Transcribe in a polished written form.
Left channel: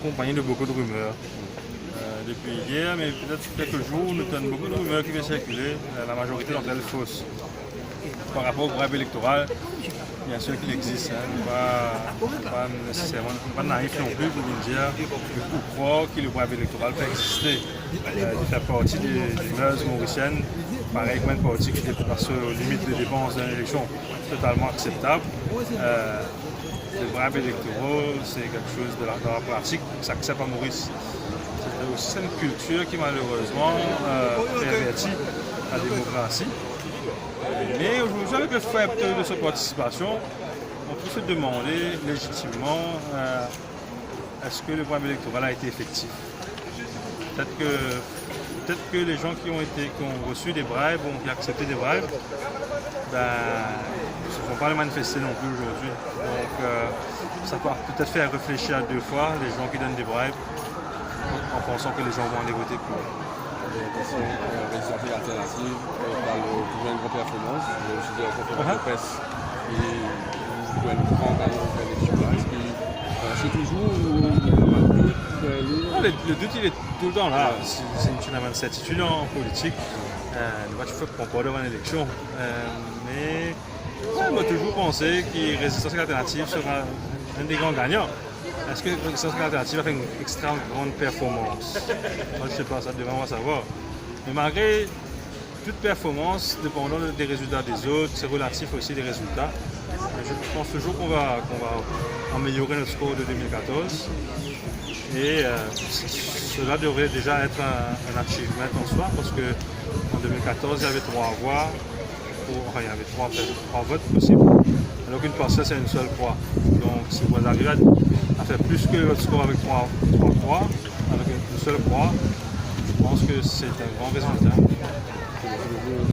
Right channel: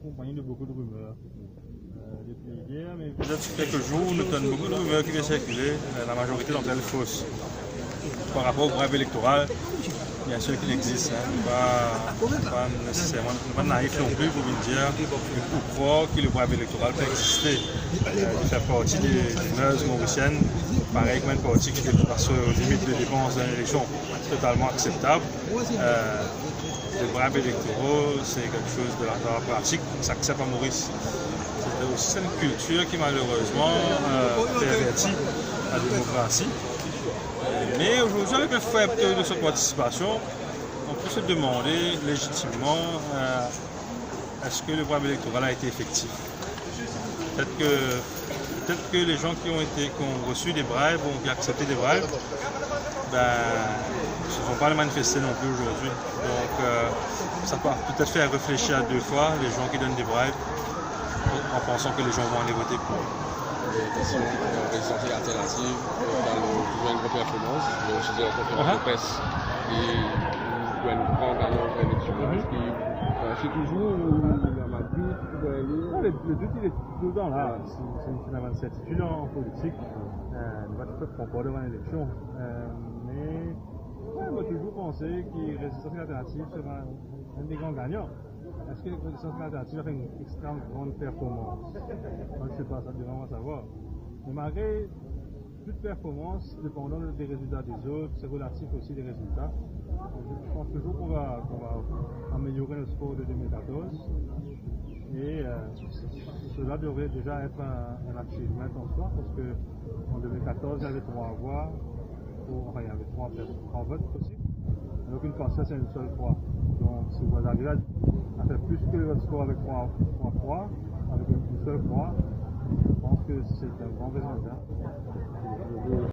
accompagné de beaucoup de rumeurs. Depuis hier, mais peut-être quelques jours, nous avons beaucoup de rumeurs qui viennent circuler, la majorité d'entre elles fausses. Par rapport au bribes électoral, bien sûr qu'il existe, pas nécessairement, pas naïf non plus pour dire ou croire que le bribes électoral peut exister. Il fait partie des mœurs mauriciennes, pareil comme une partie qui dépasse aux limites de dépenses d'une élection totalement acceptable. Les bribes électoraux, c'est quelque chose dans la pratique qui s'accepte à Maurice. C'est une culture qui malheureusement pervertit la démocratie. Mais aujourd'hui, avec le faible taux de cette participation, on peut se demander légitimement est-ce que le bribe électoral a été effectif. Peut-être que les gens qui ont reçu des bribes ou qui ont accepté des bribes ne se font pas le manifester non plus aujourd'hui. Donc ça peut peut-être faire réfléchir à deux fois les gens qui donnent des bribes en pensant que les gens vont aller voter pour. Des questions résidentielles alternatives par le gouvernement de performance, le sujet de la conférence de presse et le gouvernement par l'élection. C'est toujours le doute il est tout le temps là. Si tu n'as pas de certitude en politique, tu peux comprendre devant l'élection. Mais on va toujours penser que Résistance alternative sera un des grands gagnants. Est-ce que Résistance alternative a fait une extrêmement grande performance? Moi, je ne sais pas, ça devrait savoir. Mais malgré toute performance, dépendant des résultats des autres, c'est relatif aussi des résultats. Je pense toujours qu'on va améliorer notre score de 2014. Et cela devrait déjà être un achievement en soi, parce qu'en 2014, il y avait 3 voix. Enfin, il y avait 3 votes possibles, alors qu'une parcelle c'est une seule croix. Donc si vous arrivez à faire plus que votre score avec 3 croix, avec une seule croix, je pense que c'est un grand résultat.